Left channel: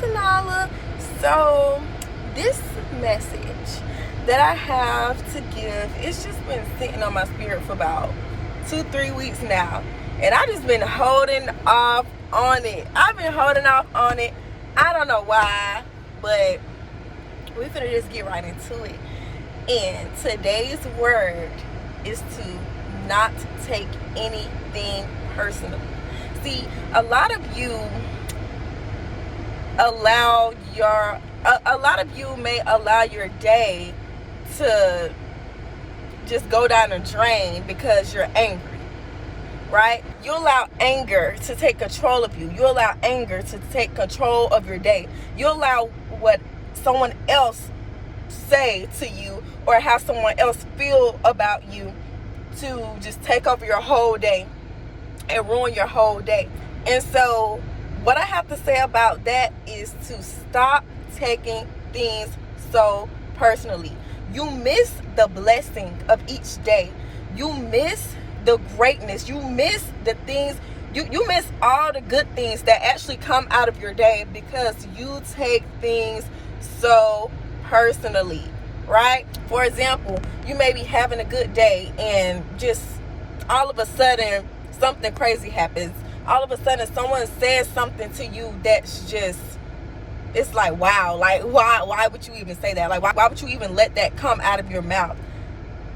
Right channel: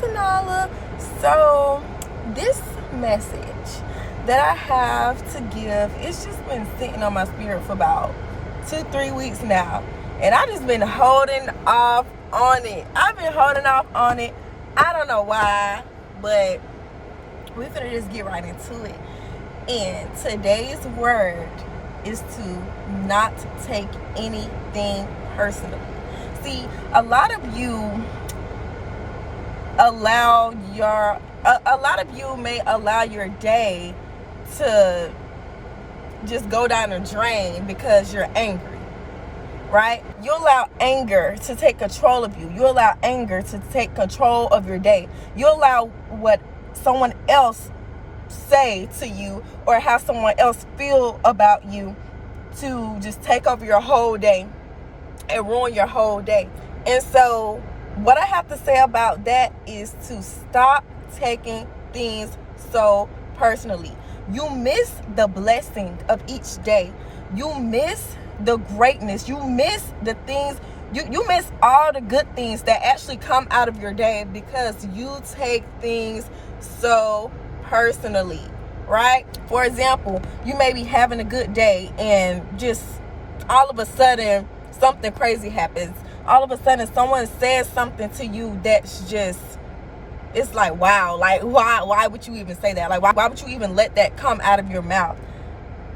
Tanala. So this message that I have to give, it's just been sitting on my spirit for about 2-3 weeks now, and I just been holding off on it. I've been holding off on it. I don't know why, but we're finna just get right into it. And today's word is to not take anything personal. See, a lot of you may allow your day to just go down the drain because you're angry, right? You allow anger to take control of you. You allow anger to take control of your day. You allow what someone else say to you or how someone else feel about you to just take over your whole day and ruin your whole day. And so what I have to say about that is to stop taking things so personally. You miss the blessing of each day. You miss the greatness. You miss the things. You miss all the good things that actually come out of your day because you take things so personally, right? For example, you may be having a good day and just all of a sudden something crazy happens. All of a sudden someone says something to you that's just, it's like, wow, like why would you even say that? Like why would you even let that come out of your mouth?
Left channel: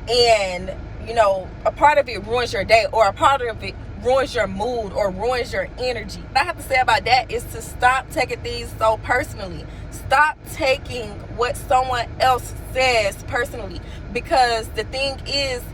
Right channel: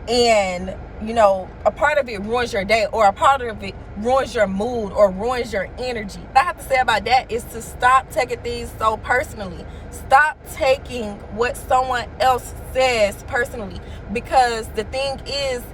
And you know, a part of it ruins your day, or a part of it ruins your mood or ruins your energy. What I have to say about that is to stop taking things so personally. Stop taking what someone else says personally, because the thing is,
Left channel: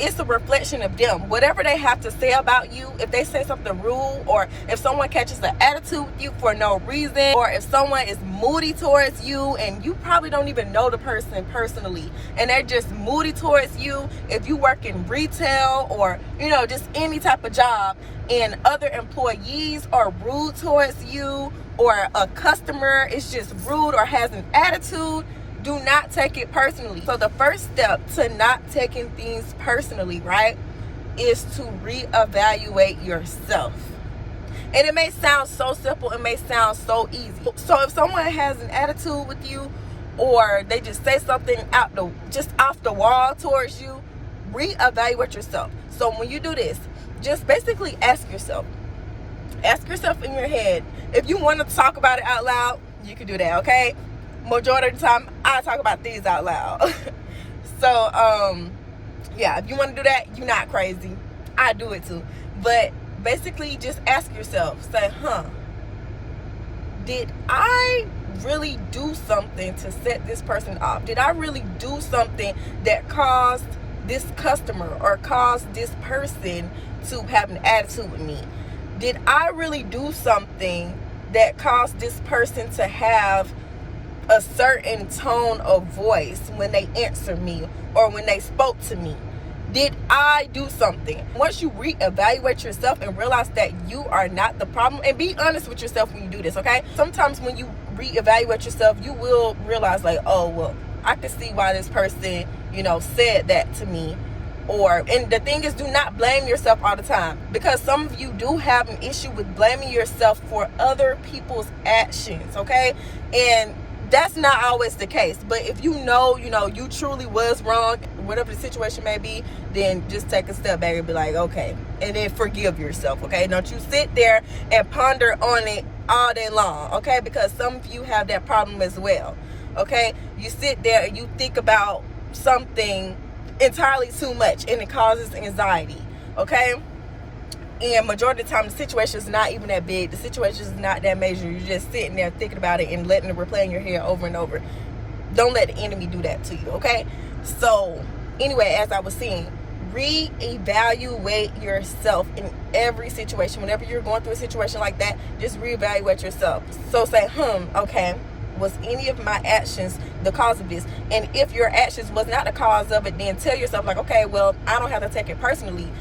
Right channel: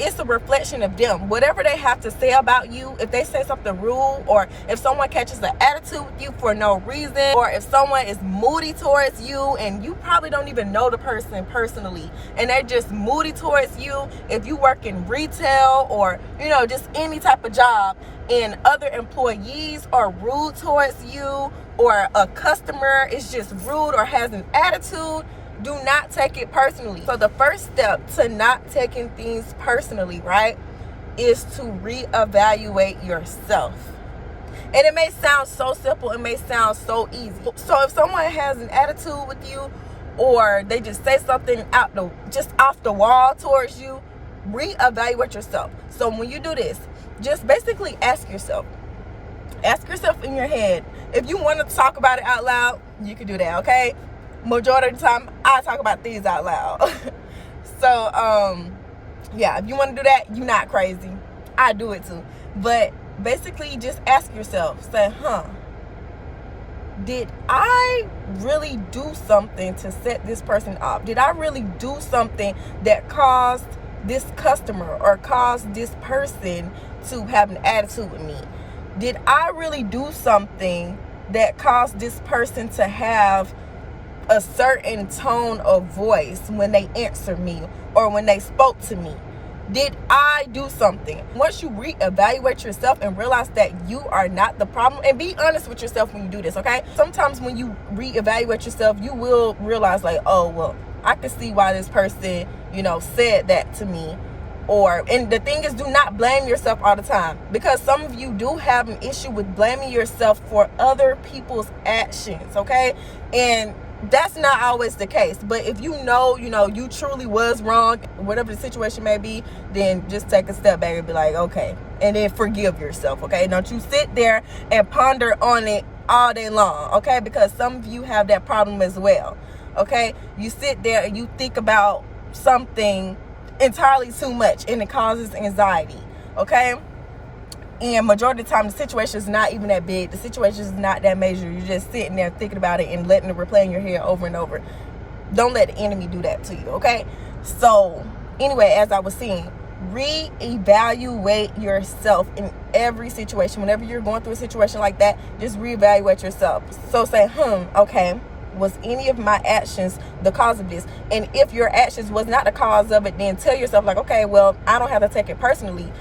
it's a reflection of them. Whatever they have to say about you, if they say something rude, or if someone catches an attitude with you for no reason, or if someone is moody towards you and you probably don't even know the person personally and they're just moody towards you, if you work in retail or, you know, just any type of job, and other employees are rude towards you, or a customer is just rude or has an attitude, do not take it personally. So the first step to not taking things personally, right, is to reevaluate yourself. And it may sound so simple, it may sound so easy. So if someone has an attitude with you, or they just say something off the wall towards you, reevaluate yourself. So when you do this, just basically ask yourself in your head. If you want to talk about it out loud, you can do that, okay? Majority of the time, I talk about things out loud. So, yeah, if you want to do that, you're not crazy. I do it too. But basically, just ask yourself, say, did I really do something to set this person off? Did I really do something that caused this customer or caused this person to have an attitude with me? Did I really do something that caused this person to have a certain tone of voice when they answer me or when they spoke to me? Did I do something? Once you reevaluate yourself and realize that you are not the problem, and be honest with yourself when you do this, okay? Sometimes when you reevaluate yourself, you will realize like, oh, well, I can see why this person, you know, said that to me. And the thing is, do not blame yourself all the time, because some of you do have an issue with blaming yourself for other people's actions, okay? And that's not always the case. But if you know, you truly was wrong, whatever the situation may be, then just take a step back and be like, okay, and then forgive yourself, okay? Don't you sit there and ponder on it all day long, okay? Because some of you have that problem as well, okay? You sit there and you think about something entirely too much, and it causes anxiety, okay? And majority of the time, the situation is not even that big. The situation is not that major. You're just sitting there thinking about it and letting it replay in your head over and over. Don't let the enemy do that to you, okay? So, anyway, as I was saying, reevaluate yourself in every situation. Whenever you're going through a situation like that, just reevaluate yourself. So say, okay, was any of my actions the cause of this? And if your actions was not the cause of it, then tell yourself like, okay, well, I don't have to take it personally.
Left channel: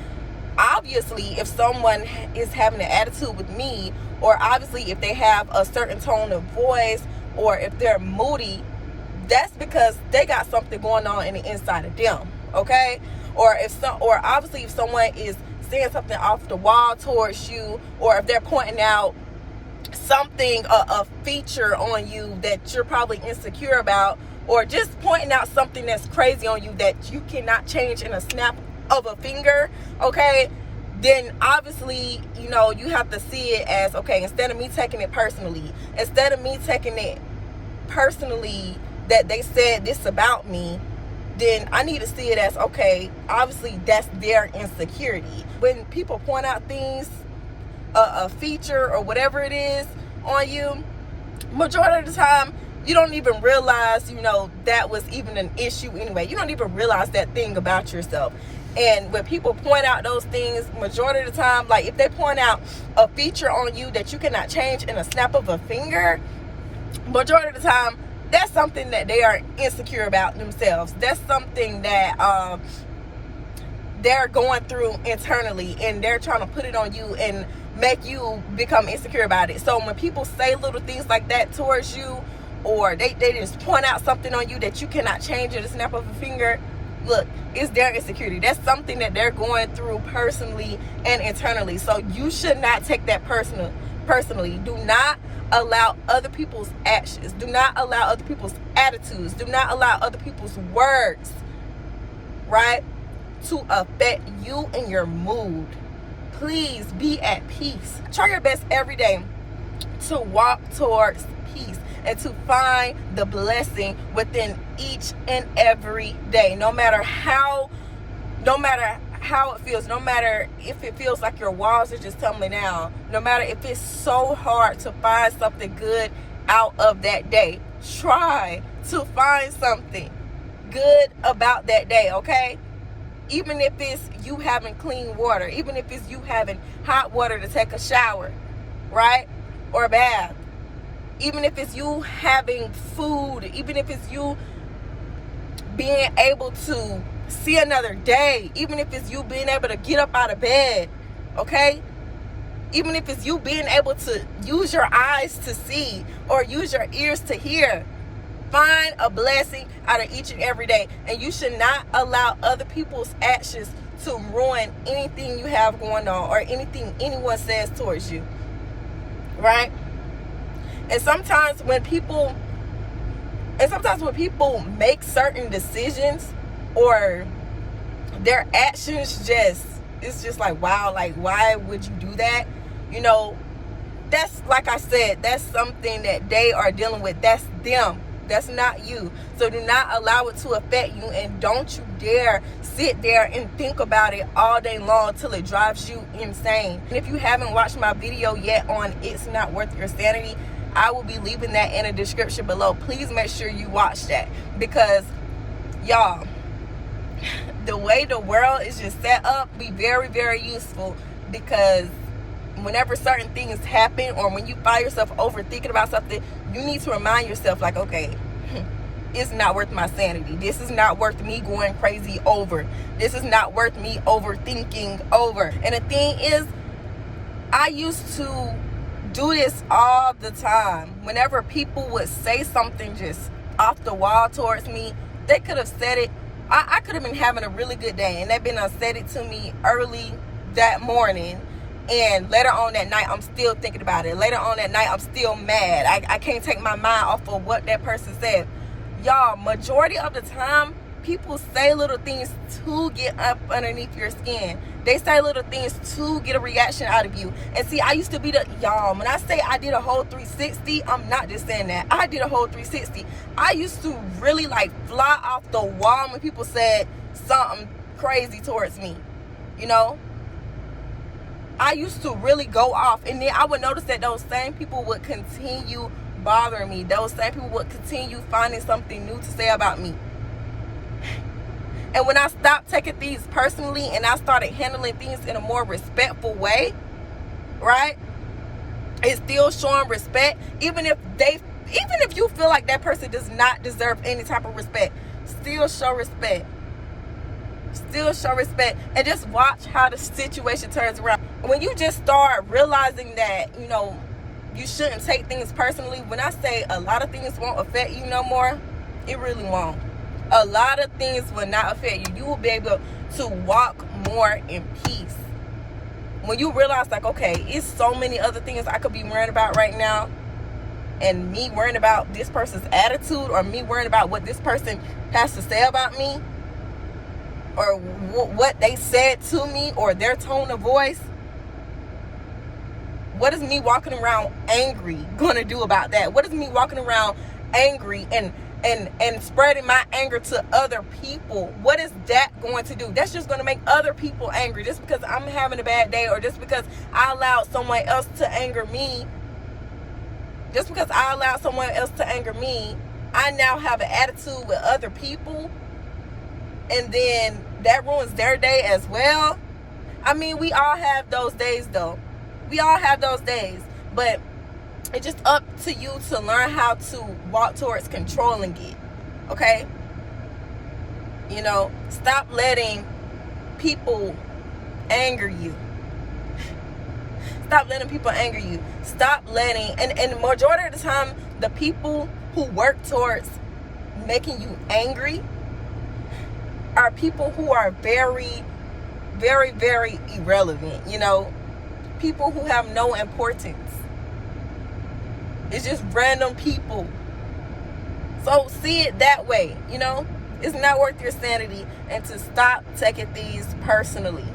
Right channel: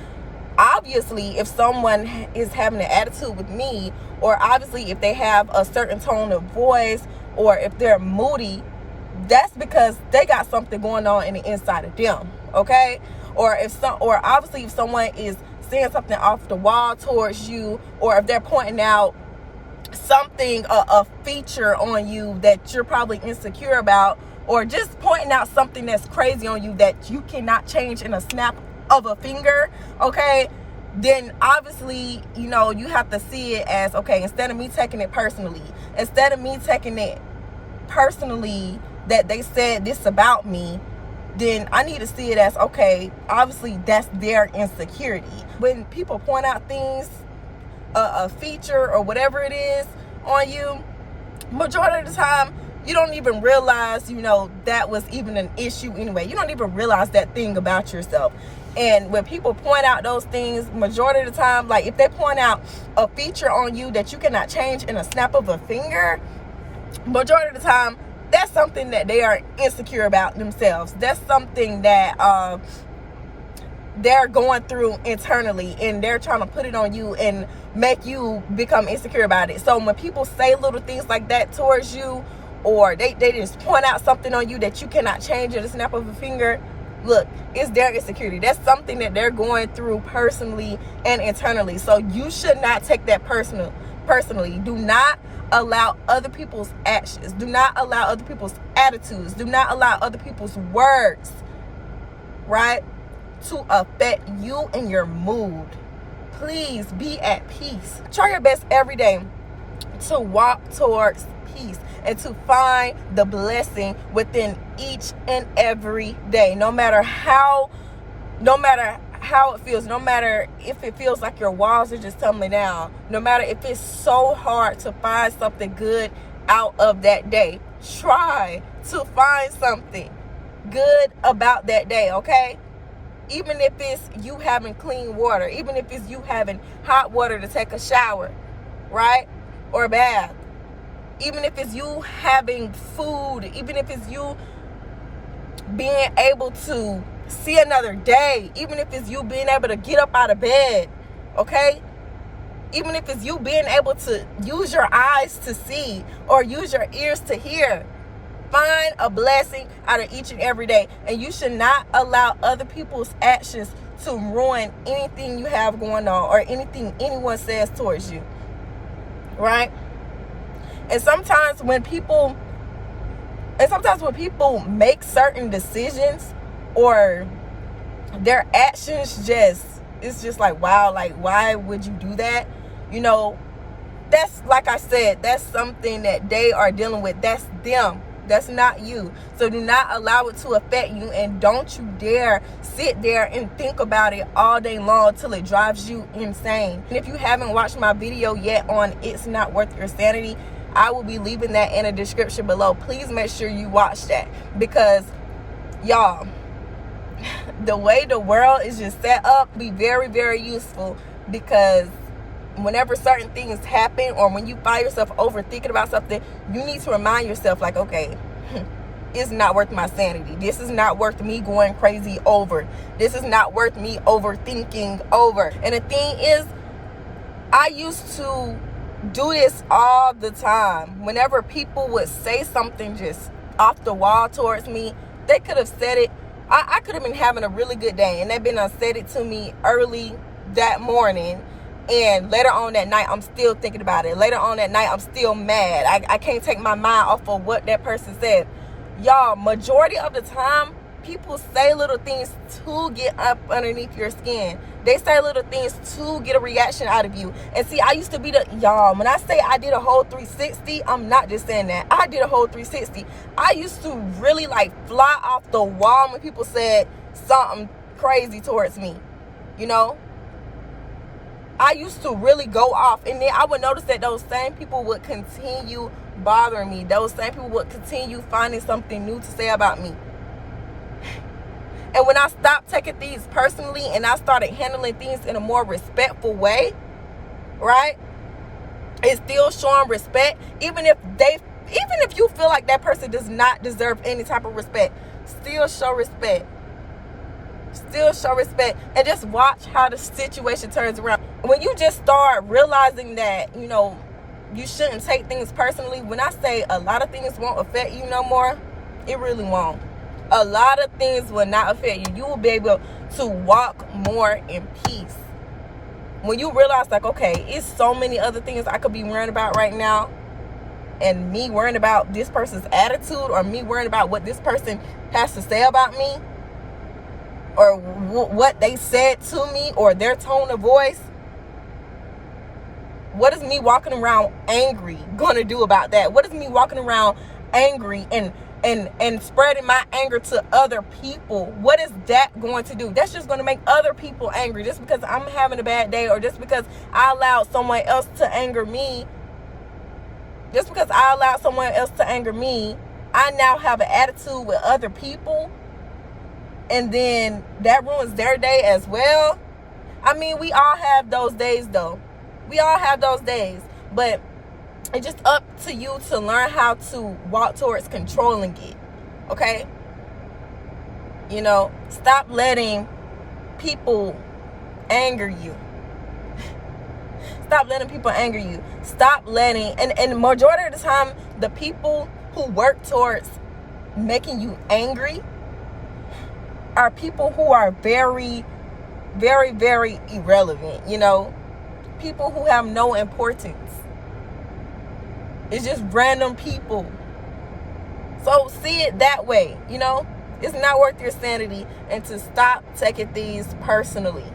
Obviously, if someone is having an attitude with me, or obviously if they have a certain tone of voice, or if they're moody, that's because they got something going on in the inside of them, okay? Or obviously if someone is saying something off the wall towards you, or if they're pointing out something, a feature on you that you're probably insecure about, or just pointing out something that's crazy on you that you cannot change in a snap of a finger, okay, then obviously, you know, you have to see it as, okay, instead of me taking it personally, that they said this about me, then I need to see it as, okay, obviously that's their insecurity. When people point out things, a feature or whatever it is on you, majority of the time you don't even realize, you know, that was even an issue anyway. You don't even realize that thing about yourself. And when people point out those things, majority of the time, like if they point out a feature on you that you cannot change in a snap of a finger, majority of the time that's something that they are insecure about themselves. That's something that they're going through internally, and they're trying to put it on you and make you become insecure about it. So when people say little things like that towards you, or they just point out something on you that you cannot change at a snap of a finger, look, it's their insecurity. That's something that they're going through personally and internally. So you should not take that personally. Do not allow other people's actions, do not allow other people's attitudes, do not allow other people's words, right, to affect you and your mood. Please be at peace. Try your best every day to walk towards peace and to find the blessing within each and every day. No matter how it feels, no matter if it feels like your walls are just tumbling down, no matter if it's so hard to find something good out of that day, try to find something good about that day, okay? Even if it's you having clean water, even if it's you having hot water to take a shower, right? Or a bath. Even if it's you having food, even if it's you being able to see another day, even if it's you being able to get up out of bed, okay? Even if it's you being able to use your eyes to see or use your ears to hear. Find a blessing out of each and every day. And you should not allow other people's actions to ruin anything you have going on or anything anyone says towards you. Right? And sometimes when people make certain decisions, or their actions it's just like, wow, like, why would you do that? You know, that's, like I said, that's something that they are dealing with. That's them. That's not you. So do not allow it to affect you, and don't you dare sit there and think about it all day long till it drives you insane. And if you haven't watched my video yet on It's Not Worth Your Sanity, I will be leaving that in the description below. Please make sure you watch that, because y'all, the way the world is just set up be very, very useful, because whenever certain things happen, or when you find yourself overthinking about something, you need to remind yourself, like, okay, it's not worth my sanity. This is not worth me going crazy over. This is not worth me overthinking over. And the thing is, I used to do this all the time. Whenever people would say something just off the wall towards me, they could have said it. I could have been having a really good day, and they've been said it to me early that morning, and later on that night, I'm still thinking about it. Later on that night, I'm still mad. I can't take my mind off of what that person said. Y'all, majority of the time, people say little things to get up underneath your skin. They say little things to get a reaction out of you. And see, I used to be y'all, when I say I did a whole 360, I'm not just saying that. I did a whole 360. I used to really like fly off the wall when people said something crazy towards me, you know? I used to really go off, and then I would notice that those same people would continue bothering me. Those same people would continue finding something new to say about me. And when I stopped taking things personally and I started handling things in a more respectful way, right? It's still showing respect, even if you feel like that person does not deserve any type of respect, still show respect. Still show respect, and just watch how the situation turns around. When you just start realizing that, you know, you shouldn't take things personally. When I say a lot of things won't affect you no more, it really won't. A lot of things will not affect you. You will be able to walk more in peace. When you realize, like, okay, it's so many other things I could be worrying about right now, and me worrying about this person's attitude, or me worrying about what this person has to say about me, or what they said to me, or their tone of voice. What is me walking around angry gonna do about that? What is me walking around angry and spreading my anger to other people? What is that going to do? That's just going to make other people angry. Just because I'm having a bad day, or just because I allowed someone else to anger me, I now have an attitude with other people, and then that ruins their day as well. I mean, we all have those days, though. We all have those days, but it's just up to you to learn how to walk towards controlling it, okay? You know, stop letting people anger you. Stop letting people anger you. Stop letting, and majority of the time, the people who work towards making you angry are people who are very, very, very irrelevant, you know? People who have no importance. It's just random people. So see it that way, you know? It's not worth your sanity, and to stop taking things personally.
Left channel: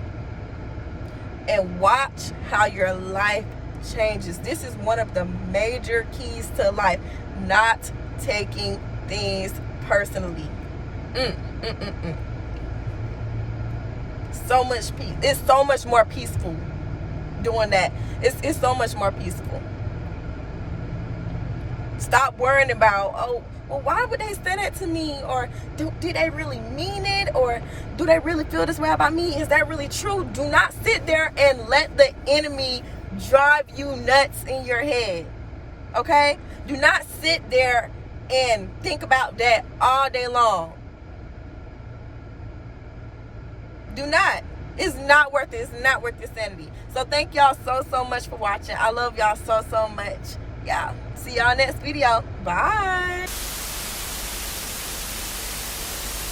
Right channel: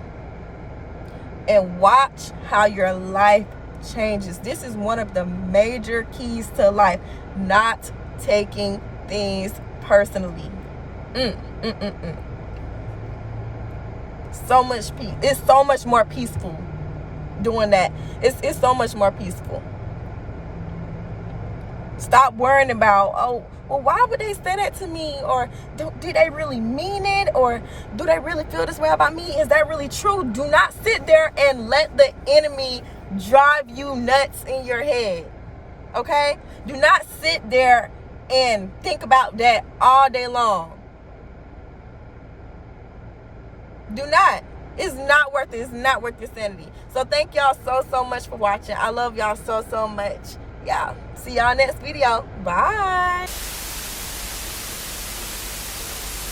And watch how your life changes. This is one of the major keys to life. Not taking things personally. So much peace. It's so much more peaceful doing that. It's so much more peaceful. Stop worrying about, oh, well, why would they say that to me? Or did they really mean it? Or do they really feel this way about me? Is that really true? Do not sit there and let the enemy drive you nuts in your head. Okay? Do not sit there and think about that all day long. Do not. It's not worth it. It's not worth your sanity. So thank y'all so much for watching. I love y'all so much. Yeah. See y'all next video. Bye.